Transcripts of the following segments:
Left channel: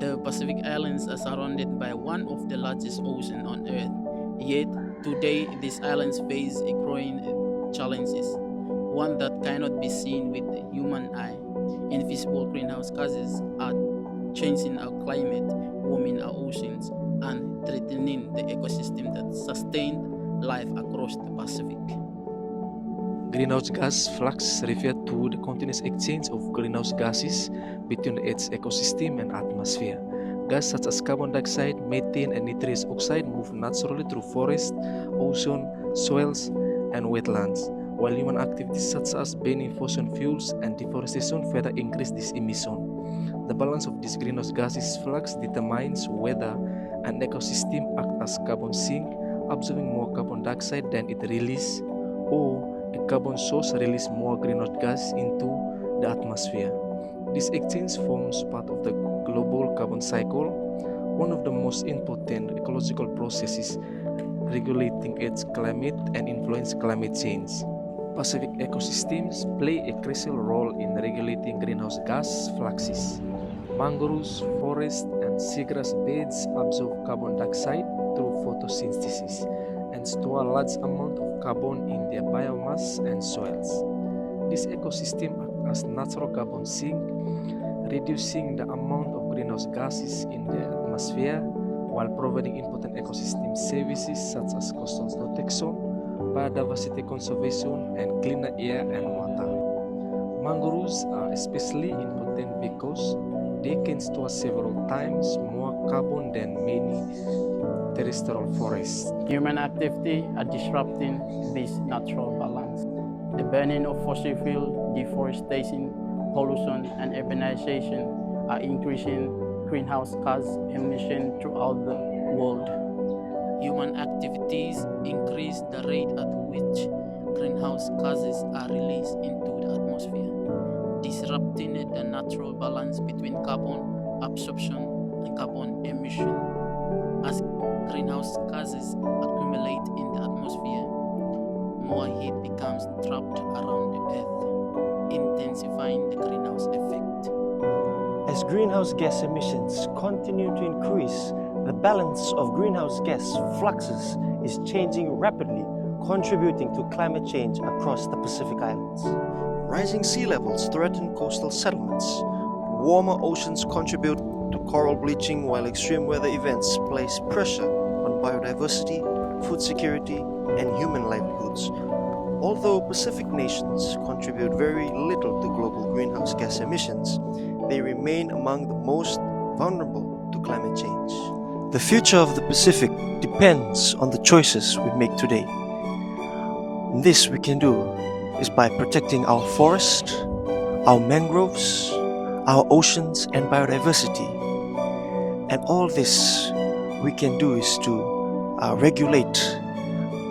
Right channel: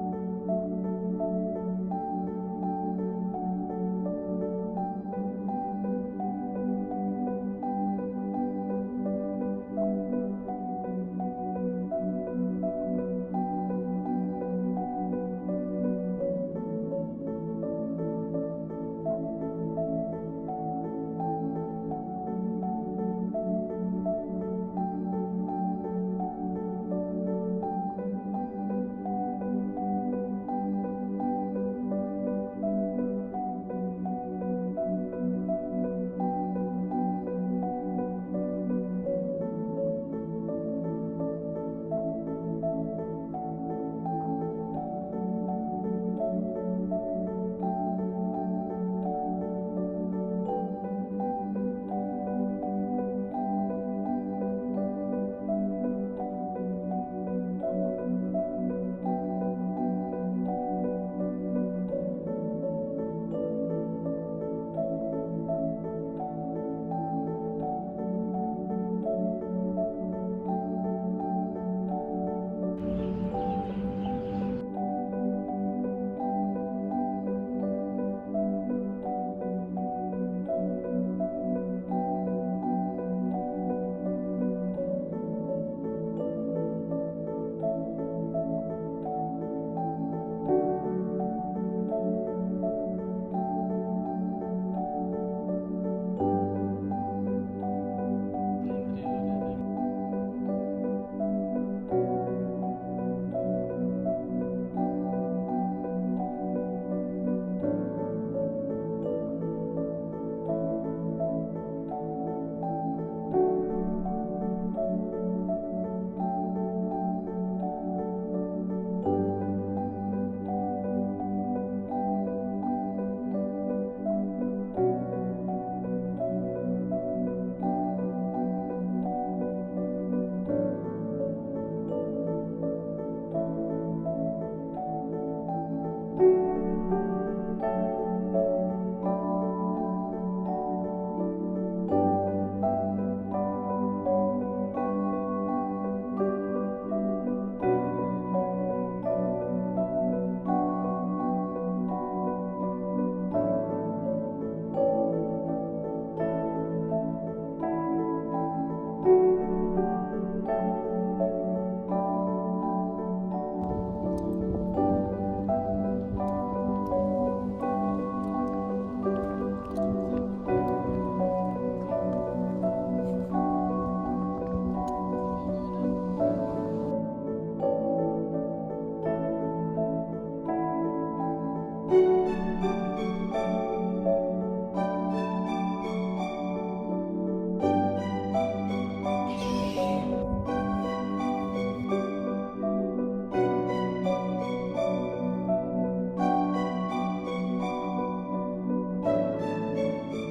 The Pacific Islands are surrounded by one of the largest oceans on Earth. Yet, today, these islands face a growing challenges, one that cannot be seen with the human eye. Invisible greenhouse gases are changing our climate, warming our oceans, and threatening the ecosystem that sustained life across the Pacific. Greenhouse gas flux refer to the continuous exchange of greenhouse gases between its ecosystem and atmosphere. Gas such as carbon dioxide, methane, and nitrous oxide move naturally through forests, ocean, soils, and wetlands, while human activities such as burning fossil fuels and deforestation further increase this emission. The balance of these greenhouse gases flux determines whether an ecosystem acts as carbon sink, absorbing more carbon dioxide than it releases, or a carbon source releases more greenhouse gas into the atmosphere. This exchange forms part of the global carbon cycle, one of the most important ecological processes regulating its climate and influence climate change. Pacific ecosystems play a crucial role in regulating greenhouse gas fluxes. Mangroves, forests, and seagrass beds absorb carbon dioxide through photosynthesis and store a large amount of carbon in their biomass and soils. This ecosystem acts as natural carbon sink, reducing the amount of greenhouse gases in the atmosphere while providing important ecosystem services such as coastal protection, biodiversity conservation, and cleaner air and water. Mangroves are especially important because they can store several times more carbon than many terrestrial forests. Human activity are disrupting this natural balance. The burning of fossil fuel, deforestation, pollution, and urbanization are increasing greenhouse gas emissions throughout the world. Human activities increase the rate at which greenhouse gases are released into the atmosphere, disrupting the natural balance between carbon absorption and carbon emission. As greenhouse gases accumulate in the atmosphere, more heat becomes trapped around the Earth, intensifying the greenhouse effect. As greenhouse gas emissions continue to increase, the balance of greenhouse gas fluxes is changing rapidly, contributing to climate change across the Pacific Islands. Rising sea levels threaten coastal settlements. Warmer oceans contribute to coral bleaching, while extreme weather events place pressure on biodiversity, food security, and human livelihoods. Although Pacific nations contribute very little to global greenhouse gas emissions, they remain among the most vulnerable to climate change. The future of the Pacific depends on the choices we make today. This we can do is by protecting our forests, our mangroves, our oceans, and biodiversity. And all this we can do is to regulate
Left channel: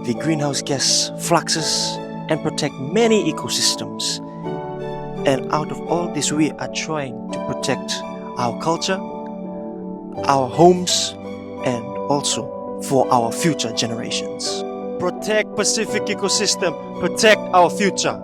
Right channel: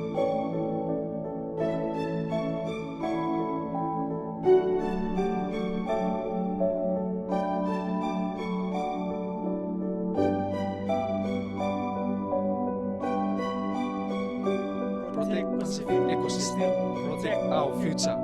the greenhouse gas fluxes and protect many ecosystems. And out of all this, we are trying to protect our culture, our homes, and also for our future generations. Protect Pacific ecosystem, protect our future.